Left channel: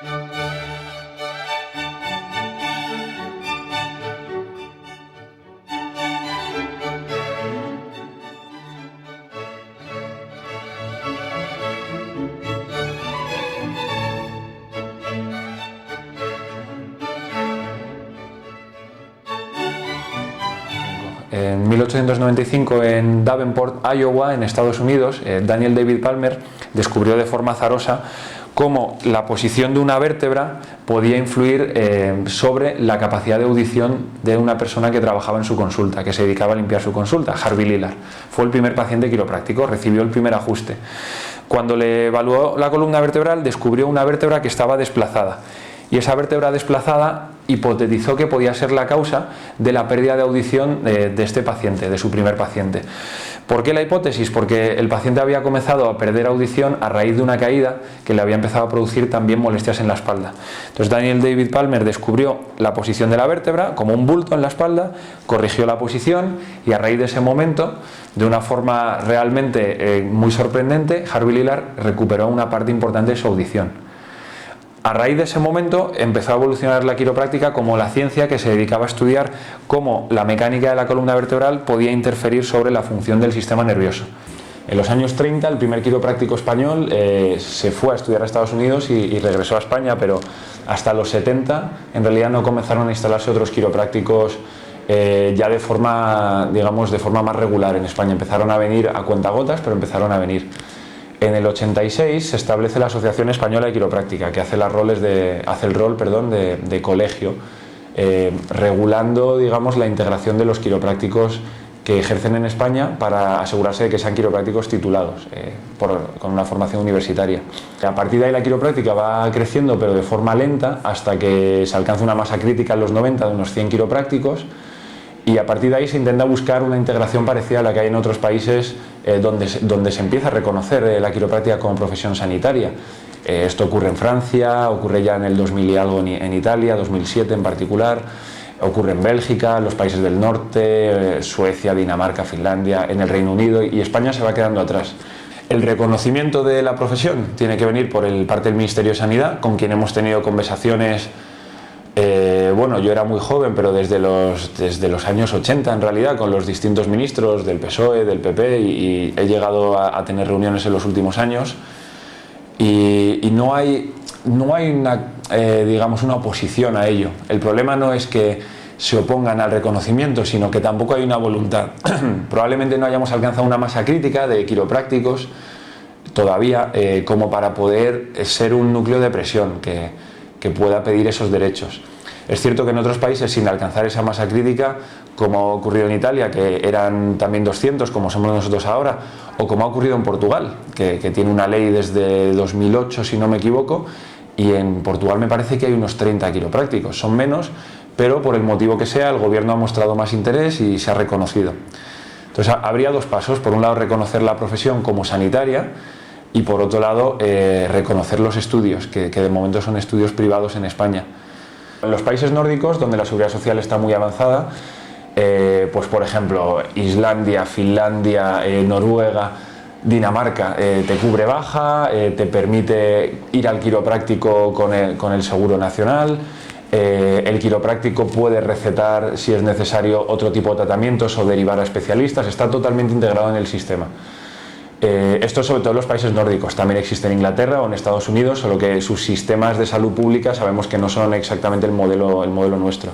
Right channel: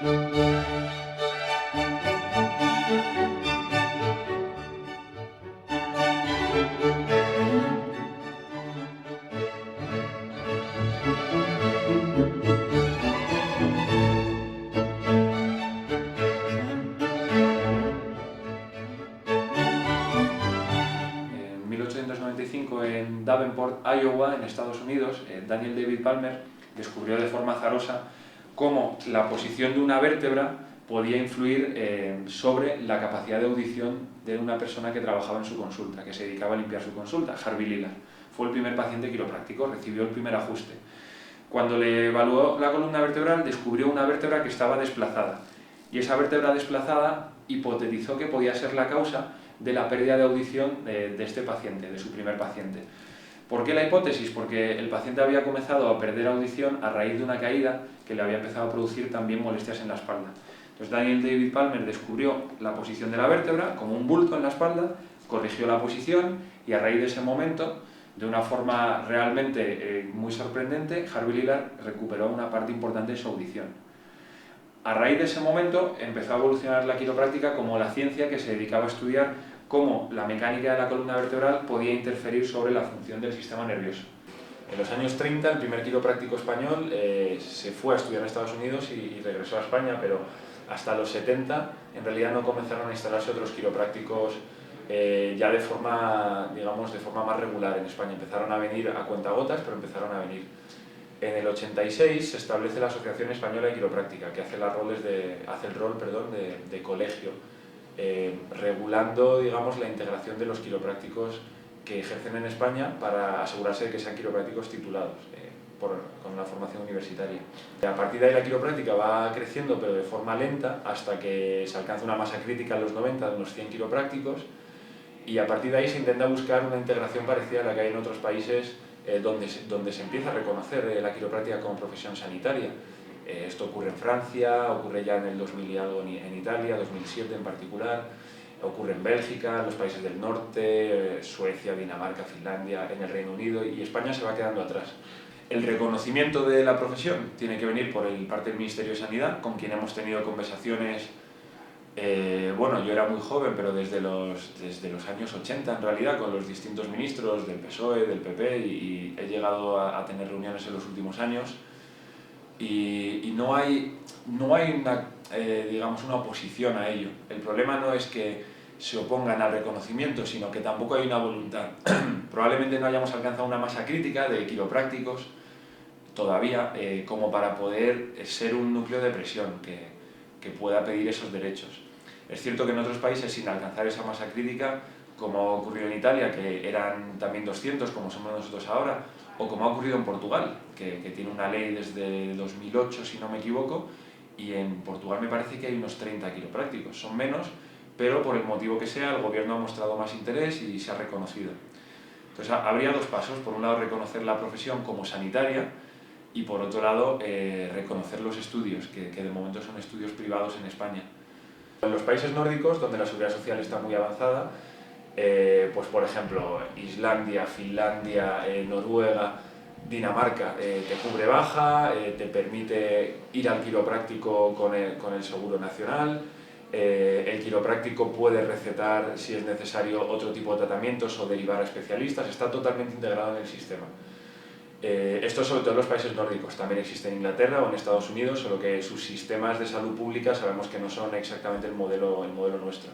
En 1895, en Davenport, Iowa, en Estados Unidos, Daniel David Palmer descubrió de forma azarosa cómo la posición de una vértebra podía influir sobre la capacidad de audición de una persona que trabajaba en su consulta, que se dedicaba a limpiar su consulta. Harvey Lillard fue el primer paciente quiropráctico, recibió el primer ajuste. Cuando le evaluó la columna vertebral, descubrió una vértebra que estaba desplazada, y esa vértebra desplazada hipotetizó que podía ser la causa de la pérdida de audición de este paciente, de su primer paciente. ¿Por qué la hipótesis? Porque el paciente había comenzado a perder audición a raíz de una caída que le había empezado a producir también molestias en la espalda. Entonces Daniel David Palmer descubrió la posición de la vértebra como un bulto en la espalda, corrigió la posición y a raíz de ese momento, de una forma realmente muy sorprendente, Harvey Lillard recuperó una parte importante de su audición. A raíz de ese momento empezó a evolucionar la quiropráctica como la ciencia que se dedicaba a estudiar cómo la mecánica de la columna vertebral podía interferir sobre la función del sistema nervioso. En los años 30 el primer quiropráctico español se fue a estudiar a Estados Unidos y regresó a España, pero hasta los 70 en realidad no comenzaron a instalarse otros quiroprácticos ya de forma, digamos, de forma más regular en España. Empezaron a venir a cuentagotas, pero empezaron a venir. En el 86 se establece la Asociación Española de Quiropráctica, que hace el rol de colegio, regulando, digamos, la integración de los quiroprácticos que ejercen en España para asegurarse de que sean quiroprácticos titulados, con una formación universitaria. A partir de ahí la quiropráctica va creciendo, pero de forma lenta, hasta que se alcanza una masa crítica en los 90 de unos 100 quiroprácticos, y a partir de ahí se intenta buscar una integración parecida a la que hay en otros países donde se empieza a reconocer la quiropráctica como profesión sanitaria. Esto ocurre en Francia, ocurre ya en el 2000 y algo en Italia, 2007 en particular, ocurre en Bélgica, en los países del norte, Suecia, Dinamarca, Finlandia, en el Reino Unido, y España se va quedando atrás. El reconocimiento de la profesión tiene que venir por parte del Ministerio de Sanidad, con quien hemos tenido conversaciones. Bueno, yo era muy joven, pero desde los años 80 en realidad, con los distintos ministros del PSOE, del PP, y he llegado a tener reuniones en los últimos años, y no hay digamos, una oposición a ello. El problema no es que se opongan al reconocimiento, sino que tampoco hay una voluntad. Probablemente no hayamos alcanzado una masa crítica de quiroprácticos todavía como para poder ser un núcleo de presión que pueda pedir esos derechos. Es cierto que en otros países, sin alcanzar esa masa crítica, como ha ocurrido en Italia, que eran también 200, como somos nosotros ahora, o como ha ocurrido en Portugal, que tiene una ley desde 2008, si no me equivoco, y en Portugal me parece que hay unos 30 quiroprácticos. Son menos, pero por el motivo que sea, el gobierno ha mostrado más interés y se ha reconocido. Entonces, habría dos pasos. Por un lado, reconocer la profesión como sanitaria, y por otro lado reconocer los estudios, que de momento son estudios privados en España. En los países nórdicos, donde la seguridad social está muy avanzada, pues por ejemplo Islandia, Finlandia, Noruega, Dinamarca, te cubre baja, te permite ir al quiropráctico con el seguro nacional, el quiropráctico puede recetar, si es necesario, otro tipo de tratamientos o derivar a especialistas, está totalmente integrado en el sistema. Esto sobre todo en los países nórdicos, también existe en Inglaterra o en Estados Unidos, solo que sus sistemas de salud pública sabemos que no son exactamente el modelo nuestro.